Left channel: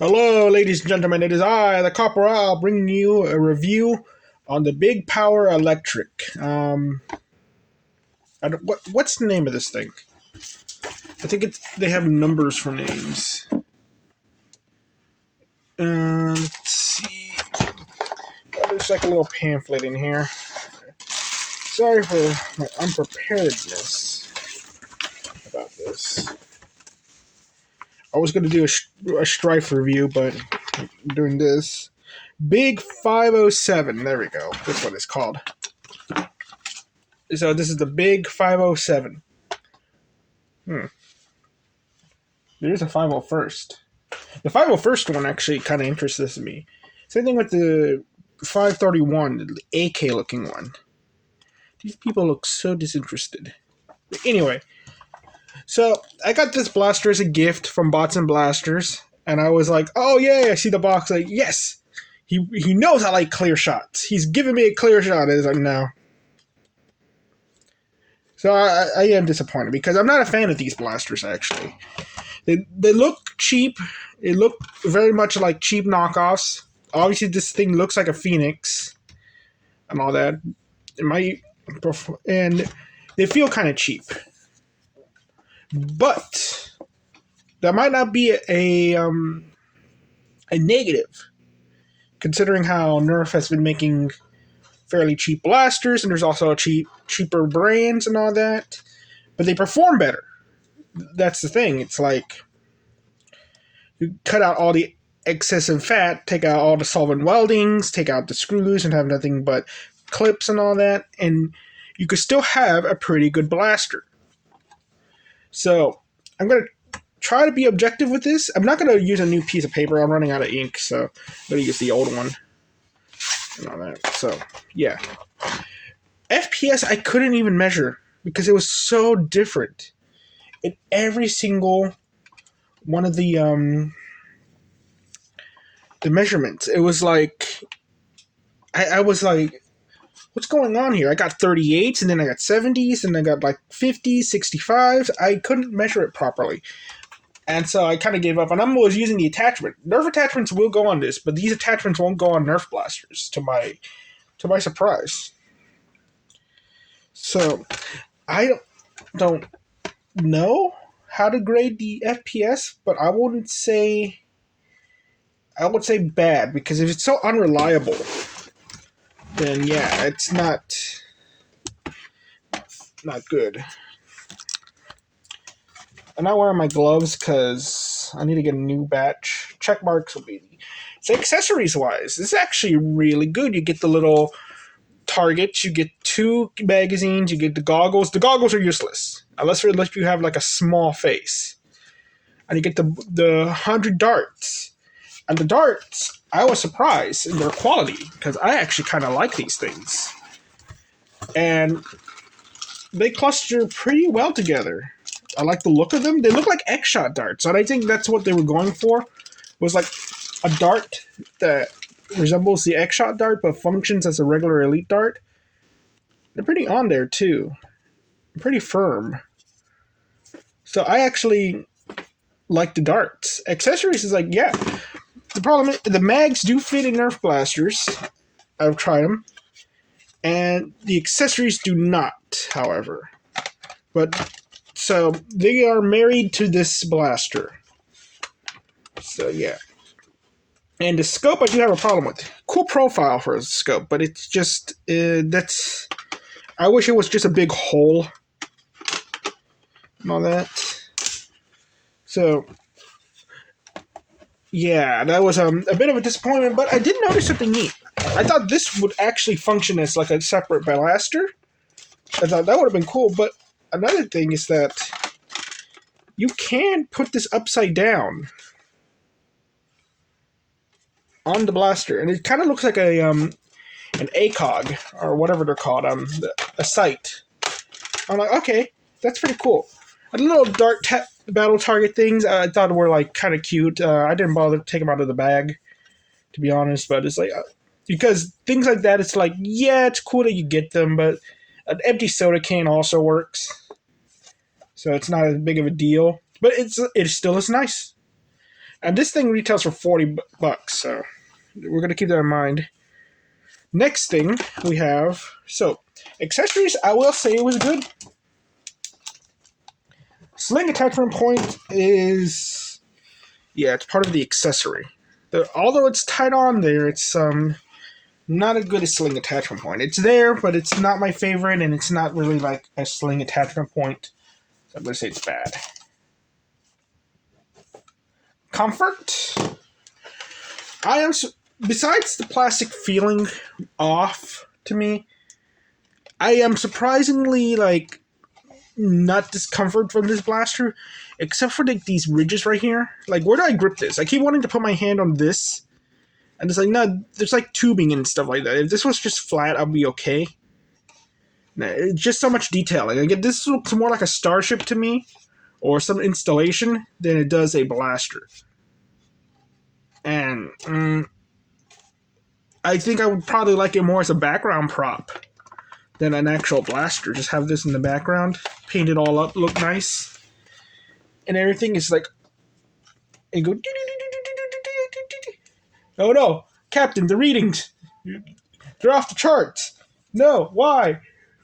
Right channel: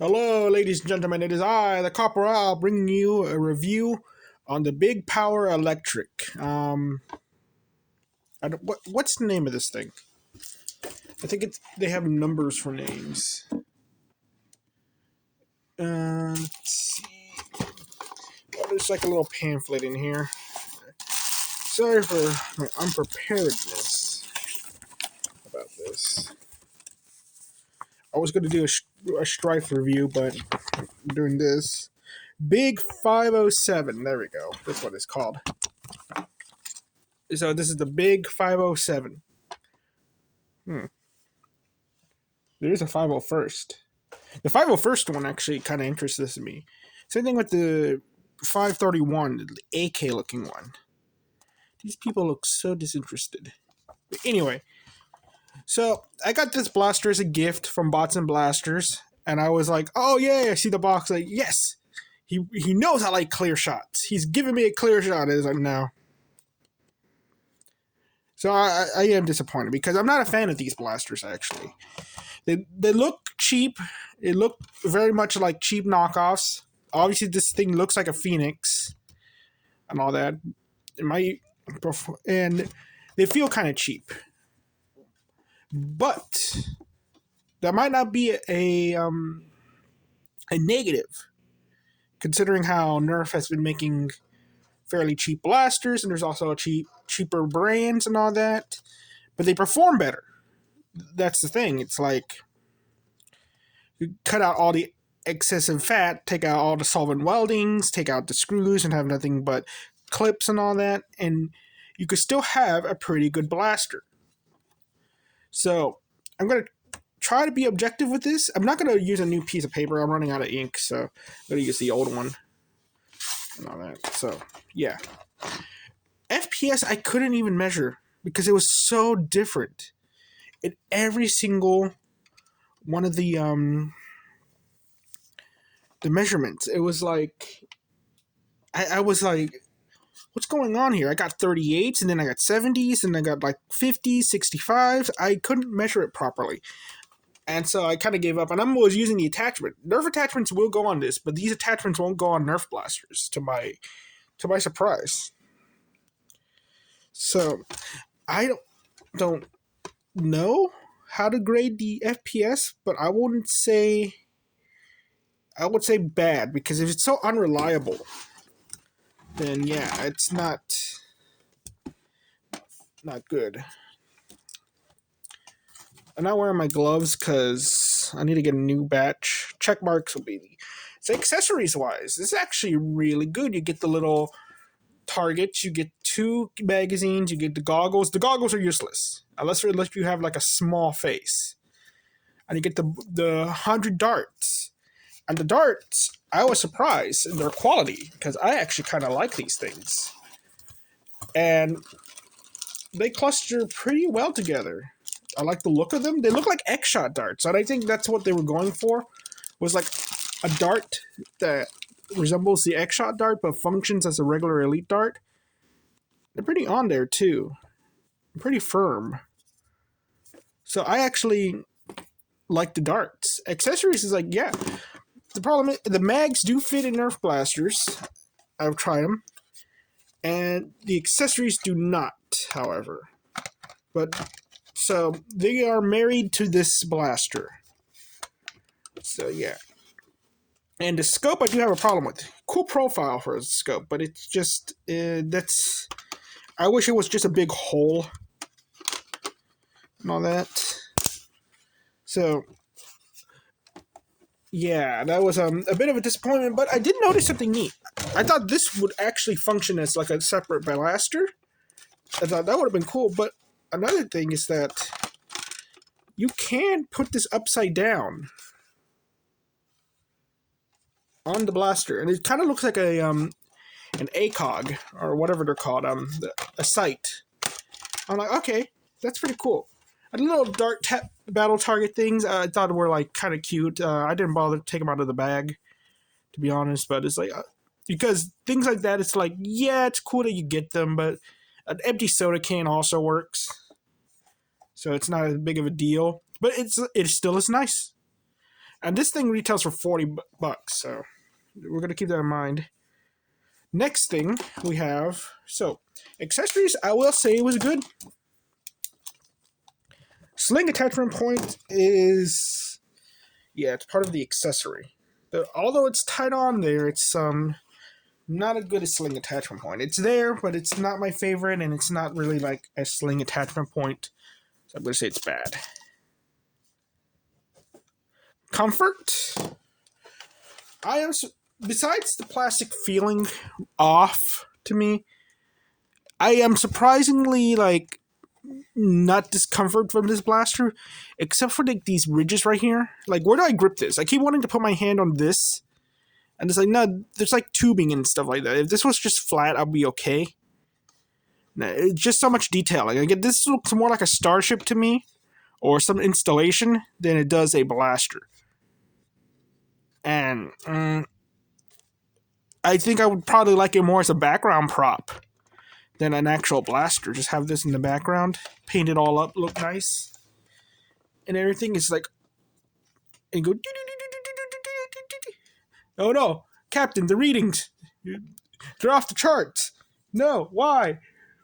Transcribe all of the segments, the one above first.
Hello, ladies and gentlemen. It is I, the Corporal, bringing you a review on the Big Power Electric. What's the name of this thing? I think they have numbers for names. Let's see. Oh, there's like a little pamphlet in here. Sorry for my unpreparedness about this. I was going to do a Strife review, but I'm doing this. Big 507. There we go. That's what it's called. So this is the Big 507. There's a 501st. The 501st one actually kind of interests me. Same thing with the 531, the AK looking one. These people look so disinterested. Anyway, so I got this blaster as a gift from Bots and Blasters, and I was like, oh yeah, I see the box, like, yes! He knows I like clear shots. He's giving me a clear shot. And it's like, no. So I am disappointed because I'm not a fan of these blasters, actually. They look cheap. It looked very much like cheap knockoffs. Obviously, this thing looks like a Phoenix and all that. And they feel kind of cheap. But that might not be a negative, considering how Nerf has been making fairly cheap blasters, and there's also cheaper brands and all that. But they perform better. That's the thing. It's like you cut out all the excessive fat, take out all the solvent weldings, take out the screws, and have nothing but clips and all that, and you could still have a pretty good blaster. So I'm going to try to be objective with this. I'm not going to use a new piece of paper. I'm running out of ink, so I'm going to use the old one and all that. So, yeah. FPS I couldn't even measure because it was so different in every single one of the measurements. It was like I was like, what's going on here? I got 38s, and then I got 70s, and I got like 50s, 65s. I couldn't measure it properly. And so I kind of gave up, and I was using the attachment. Nerf attachments will go on this, but these attachments won't go on Nerf blasters, to my surprise. So I don't know how to grade the FPS, but I would say bad, because if it's so unreliable, then yeah, it's not good. I'm not wearing my gloves because I need to get a new batch. Check marks will be. So accessories wise, this is actually really good. You get the little targets, you get 2 magazines, you get the goggles. The goggles are useless unless you have like a small face, and you get the 100 darts. And the darts, I was surprised in their quality because I actually kind of like these things, and they cluster pretty well together. I like the look of them. They look like X-Shot darts, and I think that's what they were going for, was like a dart that resembles the X-Shot dart but functions as a regular elite dart. They're pretty on there too. Pretty firm. So I actually like the darts. Accessories is like, yeah. The problem is the mags do fit in Nerf blasters. I've tried them. And the accessories do not, however. But so they are married to this blaster. So yeah. And the scope I do have a problem with. Cool profile for a scope, but it's just that's. I wish it was just a big hole and all that. So yeah, that was a bit of a disappointment, but I did notice something neat. I thought this would actually function as like a separate blaster. I thought that would have been cool, but another thing is that you can put this upside down on the blaster, and it kind of looks like an ACOG or whatever they're called, a sight. I'm like, okay, that's pretty cool. And the little dart battle target things I thought were like kind of cute. I didn't bother to take them out of the bag, to be honest, but it's like because things like that, it's like, yeah, it's cool that you get them, but an empty soda can also works, so it's not as big of a deal. But it still is nice. And this thing retails for $40, so we're gonna keep that in mind. Next thing we have, so accessories. I will say it was good. Sling attachment point is, yeah, it's part of the accessory. Although it's tied on there, it's not as good as sling attachment point. It's there, but it's not my favorite, and it's not really like a sling attachment point. So I'm gonna say it's bad. Comfort. Besides the plastic feeling off to me, I am surprisingly like not discomfort from this blaster, except for like these ridges right here. Like, where do I grip this? I keep wanting to put my hand on this, and it's like, no, there's like tubing and stuff like that. If this was just flat, I'd be okay. No, it's just so much detailing. Like, this looks more like a starship to me, or some installation, than it does a blaster. And I think I would probably like it more as a background prop than an actual blaster. Just have this in the background, paint it all up, look nice, and everything is like, and go. Oh no, Captain, the readings, they're off the charts. No, why?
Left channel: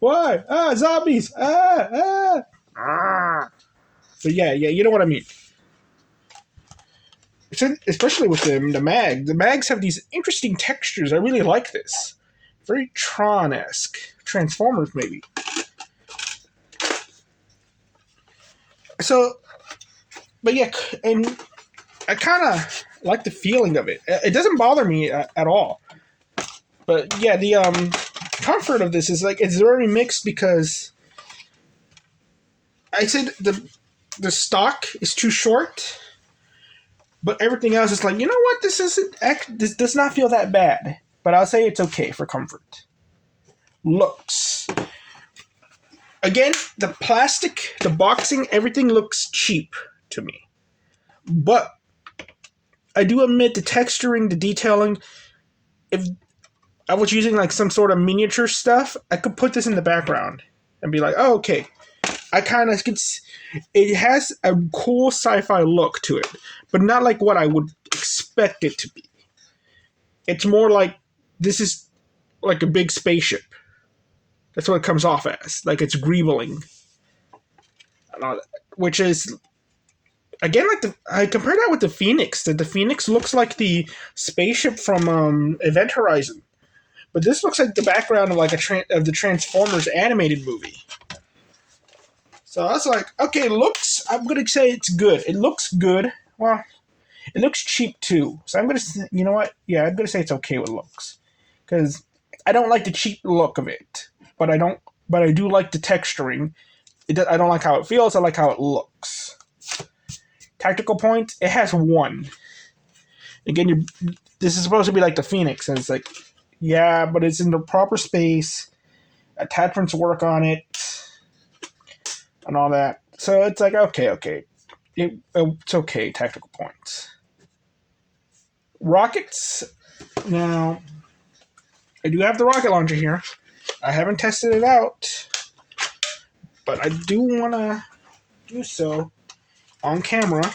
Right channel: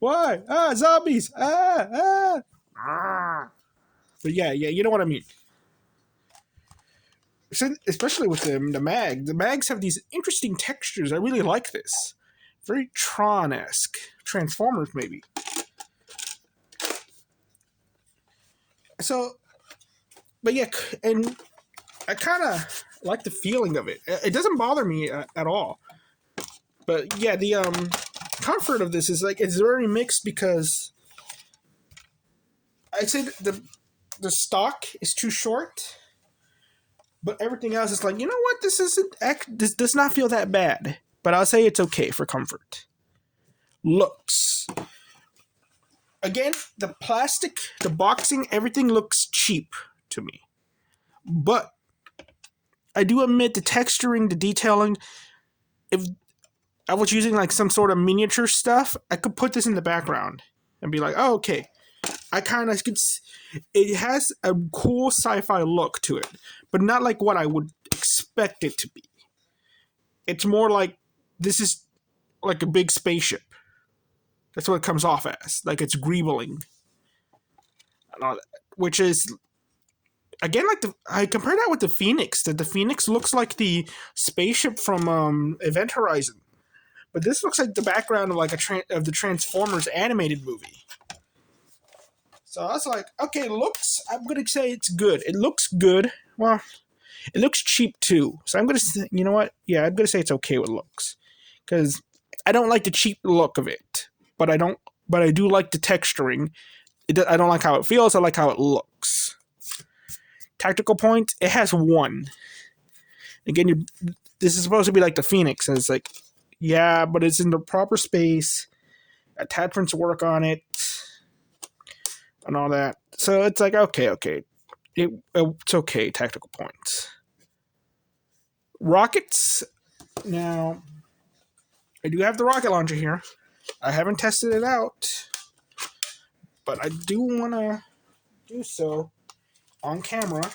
Why? Ah, zombies! Ah. But yeah, you know what I mean. Especially with the mag. The mags have these interesting textures. I really like this. Very Tron-esque. Transformers, maybe. So, but yeah, and I kind of like the feeling of it. It doesn't bother me at all. But yeah, the comfort of this is like, it's very mixed, because I said the stock is too short, but everything else is like, you know what, this does not feel that bad. But I'll say it's okay for comfort. Looks. Again, the plastic, the boxing, everything looks cheap to me. But I do admit the texturing, the detailing, if I was using like some sort of miniature stuff, I could put this in the background and be like, oh, okay. I kind of could. It has a cool sci-fi look to it, but not like what I would expect it to be. It's more like, this is like a big spaceship. That's what it comes off as. Like, it's greebling. Which is, again, like I compare that with the Phoenix. The Phoenix looks like the spaceship from Event Horizon. But this looks like the background of like of the Transformers animated movie. So I was like, okay, looks, I'm going to say it's good. It looks good. Well, it looks cheap too. So I'm going to say, you know what? Yeah, I'm going to say it's okay with looks. Because I don't like the cheap look of it. But I do like the texturing. I don't like how it feels. I like how it looks. Tactical points, it has 1. Again, this is supposed to be like the Phoenix. And it's like, yeah, but it's in the proper space. Attachments work on it. And all that. So it's like, okay. It's okay, tactical points. Rockets. Now, I do have the rocket launcher here. I haven't tested it out, but I do want to do so on camera.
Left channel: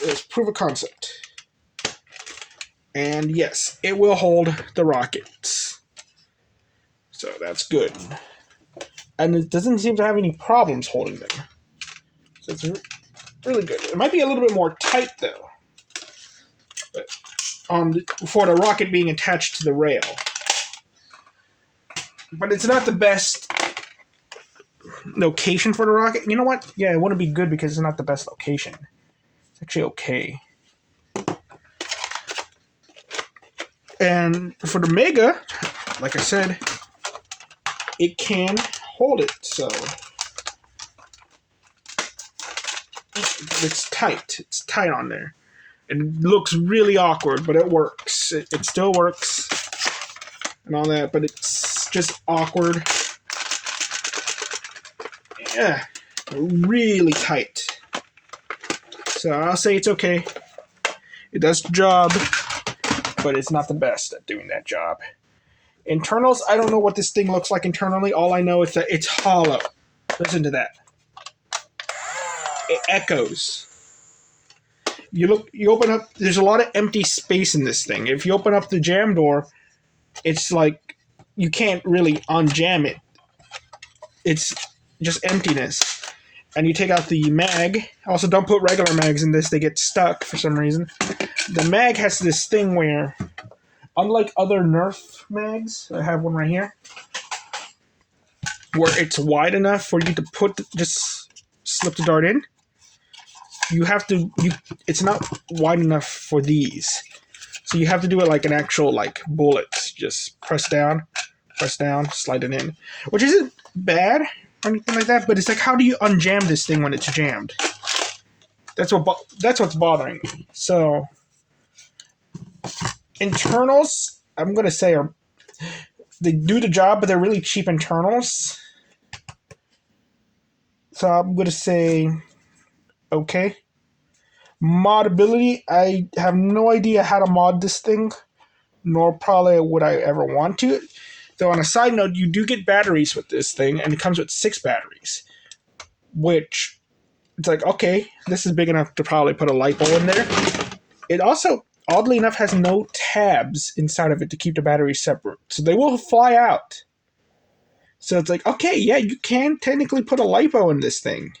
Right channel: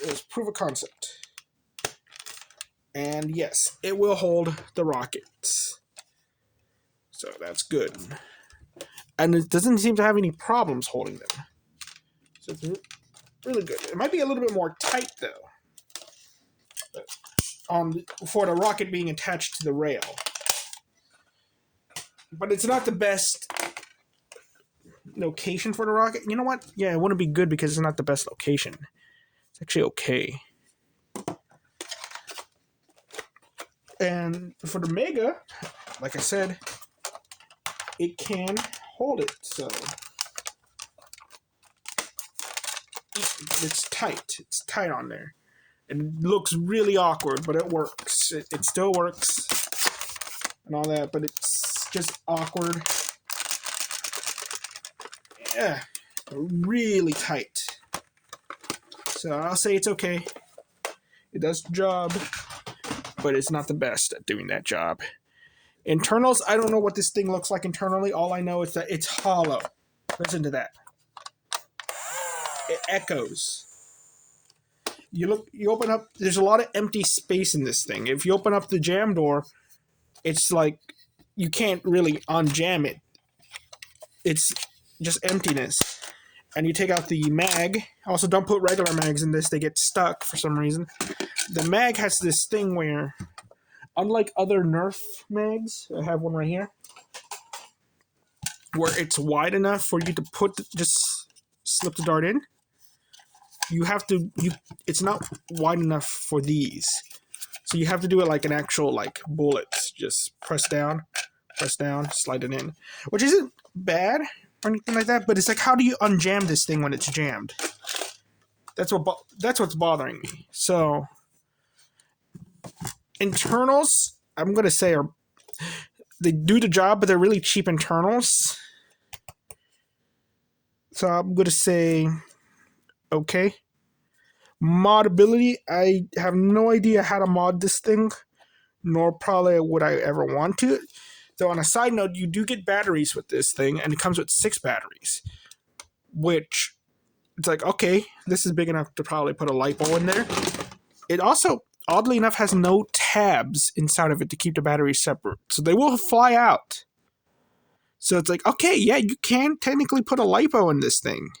It's proof of concept. And yes, it will hold the rockets. So that's good. And it doesn't seem to have any problems holding them. So it's really good. It might be a little bit more tight, though. But for the rocket being attached to the rail. But it's not the best location for the rocket. You know what? Yeah, it wouldn't be good because it's not the best location. It's actually okay. And for the Mega, like I said, it can hold it, so it's tight. It's tight on there. It looks really awkward, but it works. It still works and all that, but it's just awkward. Yeah, really tight. So I'll say it's okay. It does the job, but it's not the best at doing that job. Internals, I don't know what this thing looks like internally. All I know is that it's hollow. Listen to that. it echoes. You open up. There's a lot of empty space in this thing. If you open up the jam door, it's like you can't really unjam it. It's just emptiness. And you take out the mag. Also, don't put regular mags in this; they get stuck for some reason. The mag has this thing where, unlike other Nerf mags, I have one right here, where it's wide enough for you to just slip the dart in. You have to. It's not wide enough for these, so you have to do it like an actual like bullets. Just press down, slide it in, which isn't bad or anything like that. But it's like, how do you unjam this thing when it's jammed? That's what's bothering me. So internals, I'm gonna say they do the job, but they're really cheap internals. So I'm gonna say okay. Modability, I have no idea how to mod this thing, nor probably would I ever want to. Though on a side note, you do get batteries with this thing, and it comes with 6 batteries, which it's like, okay, this is big enough to probably put a LiPo in there. It also, oddly enough, has no tabs inside of it to keep the batteries separate, so they will fly out. So it's like, okay, yeah, you can technically put a LiPo in this thing,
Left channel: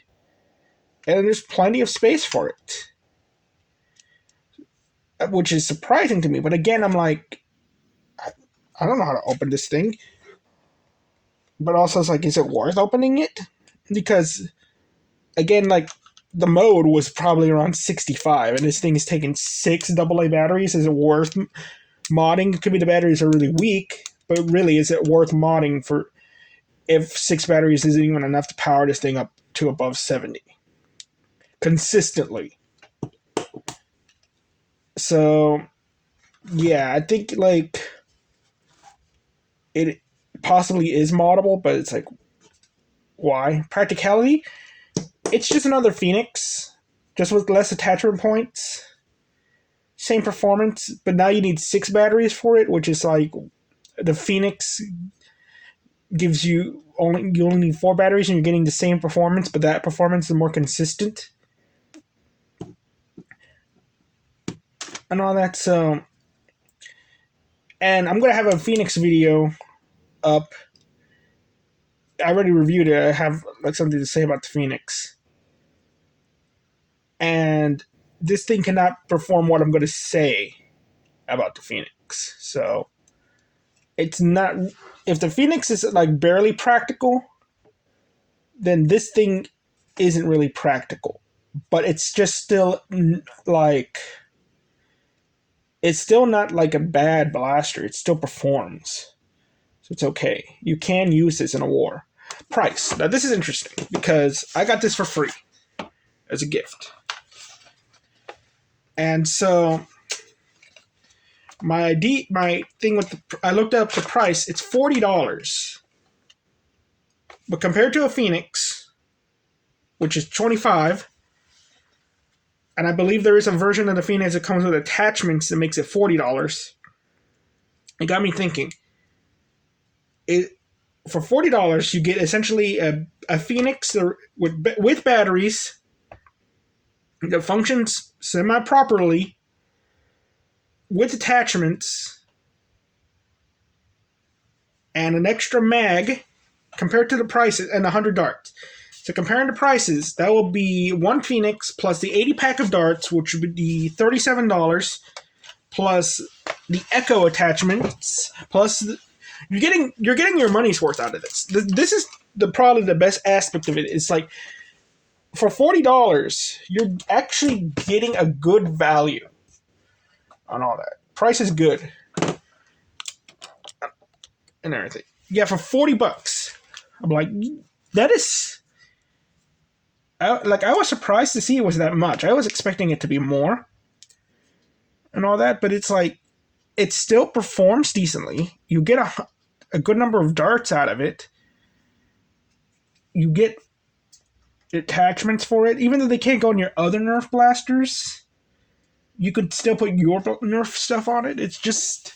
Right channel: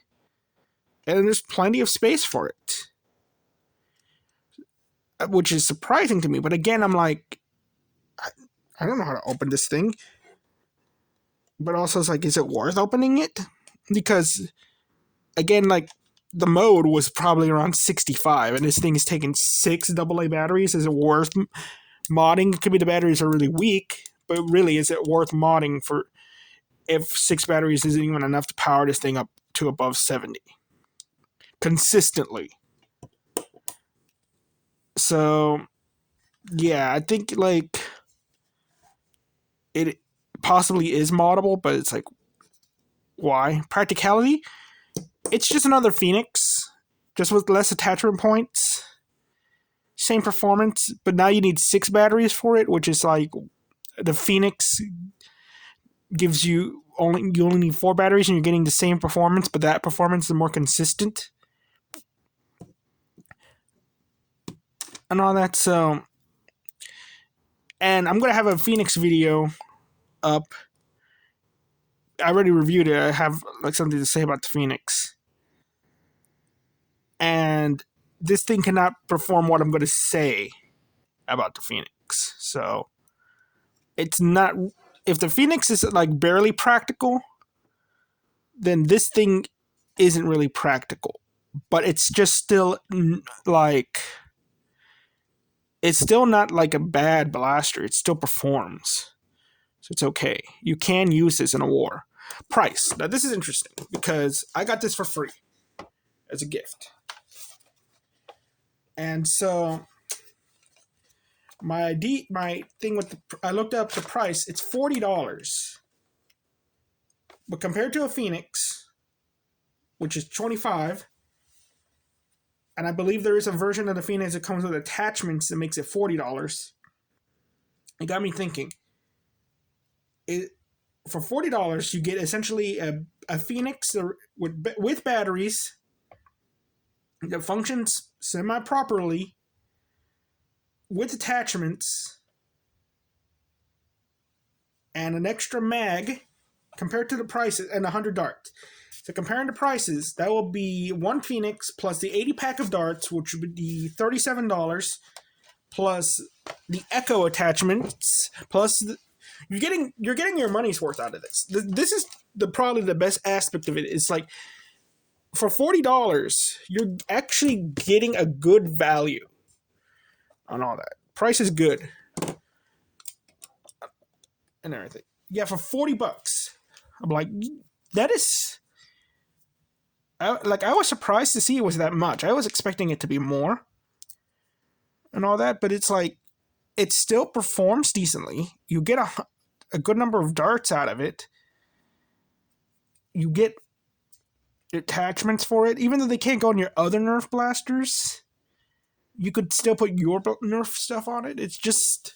and there's plenty of space for it, which is surprising to me. But again, I'm like, I don't know how to open this thing. But also, it's like, is it worth opening it? Because, again, like, the mode was probably around 65, and this thing is taking 6 AA batteries. Is it worth modding? It could be the batteries are really weak, but really, is it worth modding for if 6 batteries isn't even enough to power this thing up to above 70? Consistently. So, yeah, I think, like, it possibly is moddable, but it's like, why? Practicality? It's just another Phoenix, just with less attachment points. Same performance, but now you need 6 batteries for it, which is like, the Phoenix gives you only need 4 batteries and you're getting the same performance, but that performance is more consistent. And all that, so... And I'm going to have a Phoenix video up. I already reviewed it. I have like something to say about the Phoenix. And this thing cannot perform what I'm going to say about the Phoenix. So it's not... If the Phoenix is like barely practical, then this thing isn't really practical. But it's just still like... It's still not like a bad blaster. It still performs. So it's okay. You can use this in a war. Price. Now this is interesting because I got this for free as a gift. And so my thing with I looked up the price. It's $40. But compared to a Phoenix, which is $25, and I believe there is a version of the Phoenix that comes with attachments that makes it $40. It got me thinking. For $40, you get essentially a Phoenix with batteries that functions semi-properly with attachments and an extra mag compared to the prices and 100 darts. So comparing the prices, that will be one Phoenix plus the 80 pack of darts, which would be $37, plus the Echo attachments, plus you're getting your money's worth out of this. This is probably the best aspect of it. It's like for $40, you're actually getting a good value on all that. Price is good and everything. Yeah, for $40, I'm like, that is. I was surprised to see it was that much. I was expecting it to be more and all that, but it's like, it still performs decently. You get a good number of darts out of it. You get attachments for it. Even though they can't go on your other Nerf blasters, you could still put your Nerf stuff on it. It's just...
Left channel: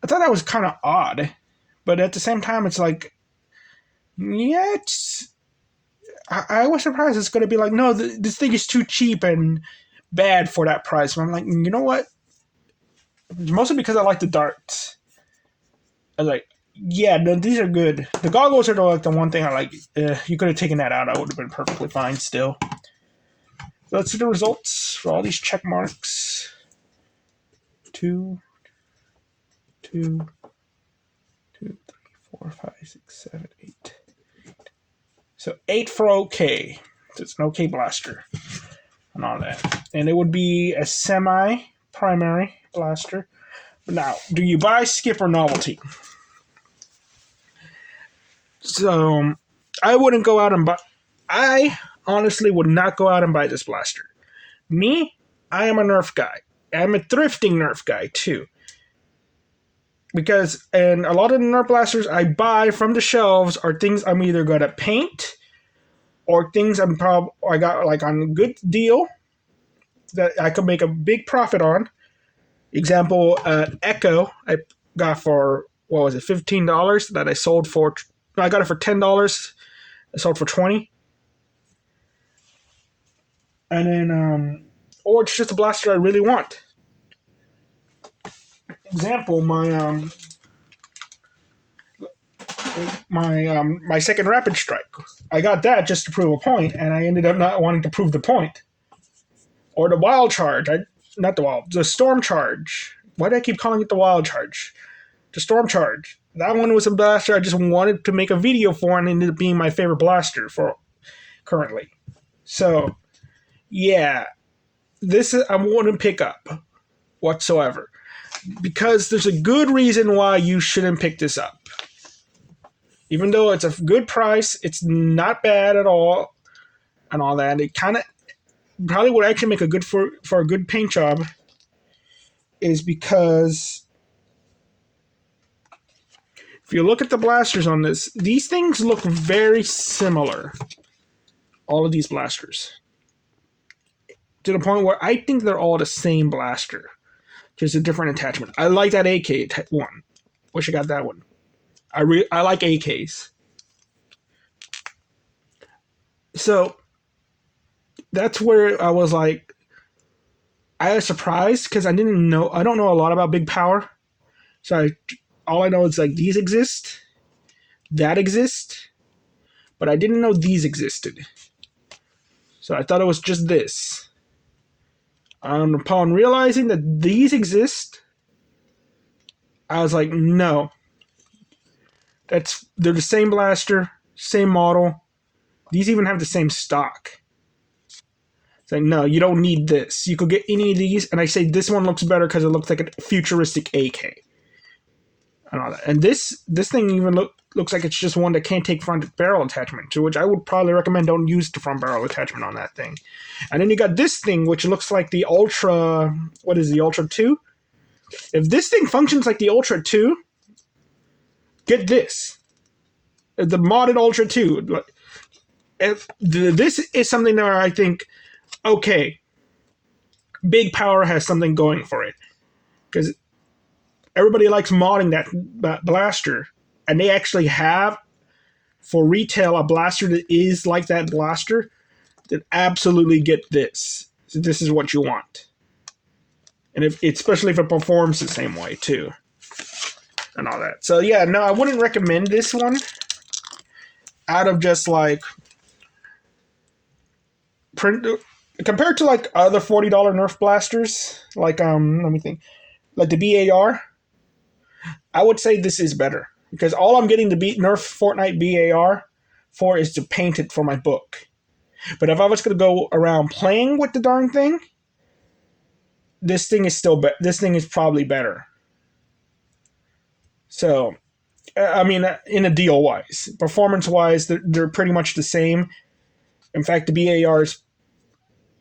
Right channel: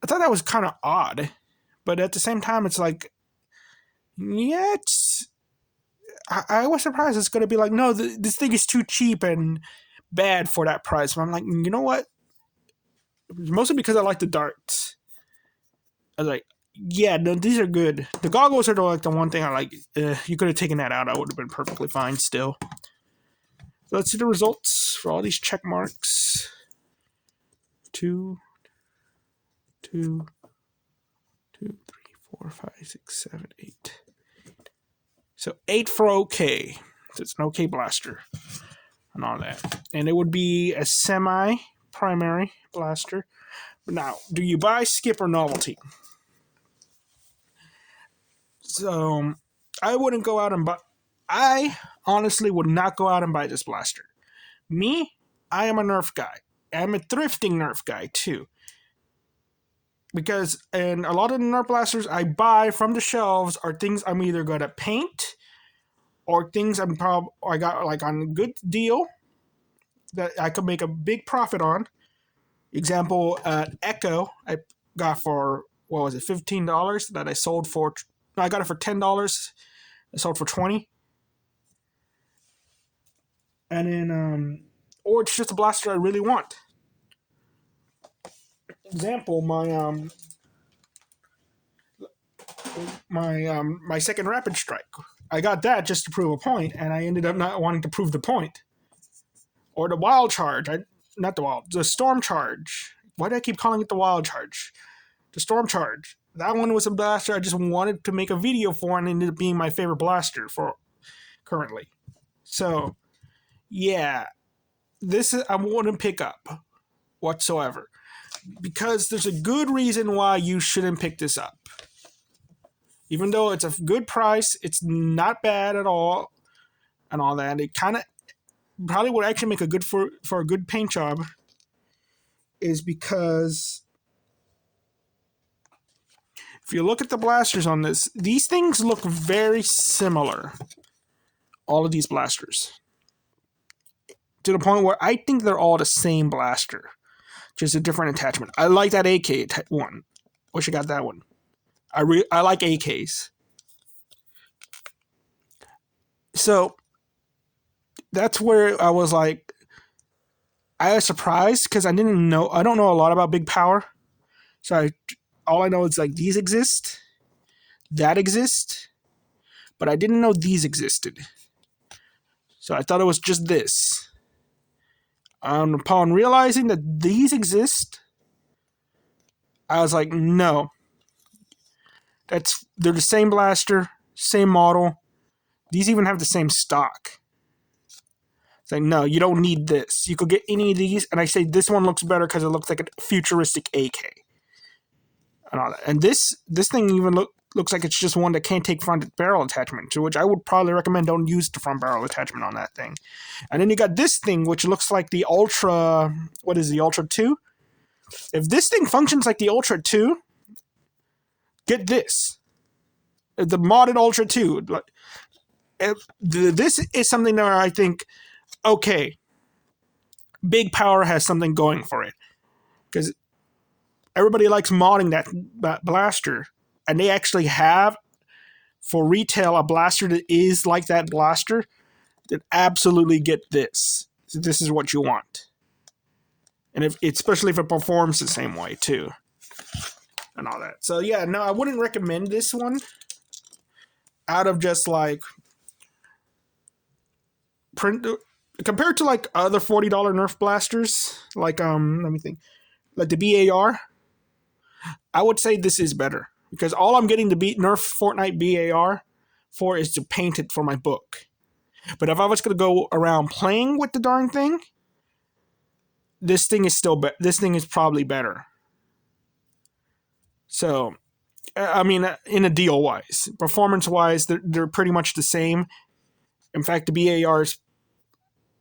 I thought that was kind of odd. But at the same time, it's like... Yeah, I was surprised it's going to be like, no, this thing is too cheap and bad for that price. But I'm like, you know what? Mostly because I like the darts. I was like, yeah, no, these are good. The goggles are like the one thing I like. You could have taken that out. I would have been perfectly fine still. So let's see the results for all these check marks. 2, 2, 2, 3, 4, 5, 6, 7, 8. So 8 for OK. So it's an OK blaster and all that. And it would be a semi-primary blaster. Now, do you buy, skip, or novelty? So I wouldn't go out and buy. I honestly would not go out and buy this blaster. Me, I am a Nerf guy. I'm a thrifting Nerf guy too. Because and a lot of the Nerf blasters I buy from the shelves are things I'm either gonna paint or things I got like on a good deal that I could make a big profit on. Example, Echo I got for what was it, $15 that I sold for. No, I got it for $10. I sold for 20. And then or it's just a blaster I really want. Example, my second rapid strike. I got that just to prove a point, and I ended up not wanting to prove the point. Or the wild charge. The storm charge. Why do I keep calling it the wild charge? The storm charge. That one was a blaster I just wanted to make a video for, and ended up being my favorite blaster for currently. So, yeah, this I wouldn't pick up whatsoever because there's a good reason why you shouldn't pick this up. Even though it's a good price, it's not bad at all, and all that. It kind of probably would actually make a good for a good paint job. Is because if you look at the blasters on this, these things look very similar. All of these blasters, to the point where I think they're all the same blaster, just a different attachment. I like that AK one. Wish I got that one. I like AKs. So that's where I was like, I was surprised because I don't know a lot about big power. So all I know is like these exist, that exist, but I didn't know these existed. So I thought it was just this. And upon realizing that these exist, I was like, no. They're the same blaster, same model. These even have the same stock. It's like, no, you don't need this. You could get any of these, and I say this one looks better because it looks like a futuristic AK. And all that. And this thing even looks like it's just one that can't take front barrel attachment, to which I would probably recommend don't use the front barrel attachment on that thing. And then you got this thing, which looks like the Ultra. What is the Ultra 2? If this thing functions like the Ultra 2, get this. The modded Ultra 2. This is something that I think, okay, big power has something going for it. Because everybody likes modding that blaster. And they actually have, for retail, a blaster that is like that blaster, then absolutely get this. So this is what you want. And especially if it performs the same way, too. And all that. So, yeah, no, I wouldn't recommend this one. Out of just, like, compared to, like, other $40 Nerf blasters, like, let me think, like the BAR, I would say this is better. Because all I'm getting the Nerf Fortnite BAR for is to paint it for my book. But if I was going to go around playing with the darn thing, this thing is this thing is probably better. So, I mean, in a deal wise, performance wise, they're pretty much the same. In fact, the BAR is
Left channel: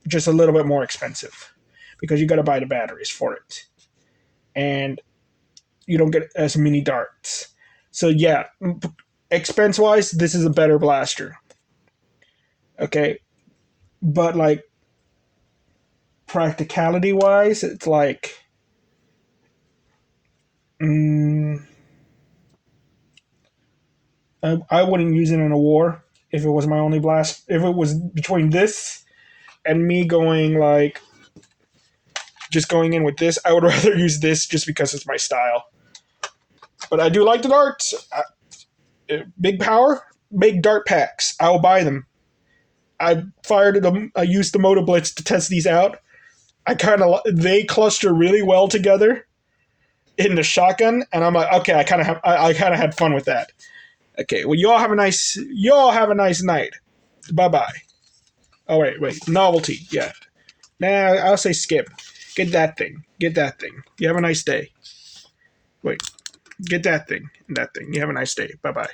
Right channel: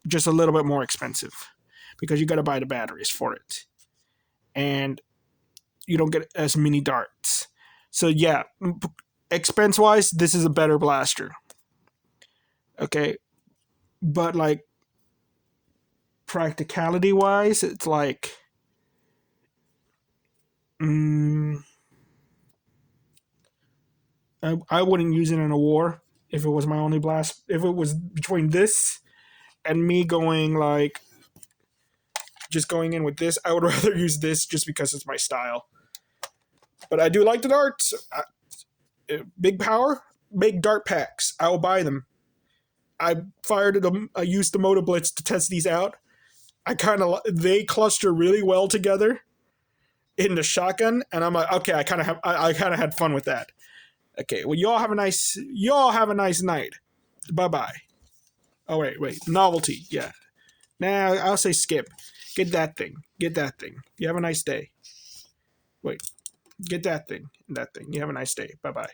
just a little bit more expensive because you got to buy the batteries for it, and you don't get as many darts. So yeah, expense wise, this is a better blaster. Okay, but like practicality wise, it's like, I wouldn't use it in a war. if it was my only blast. If it was between this and me going like just going in with this, I would rather use this just because it's my style. But I do like the darts. Big power, make dart packs. I will buy them. I fired them. I used the Moto Blitz to test these out. They cluster really well together in the shotgun, and I'm like, okay, I kind of had fun with that. Okay, well, y'all have a nice night. Bye bye. Oh wait, novelty. Yeah, nah, I'll say skip. Get that thing. You have a nice day. Wait, get that thing and that thing. You have a nice day. Bye bye.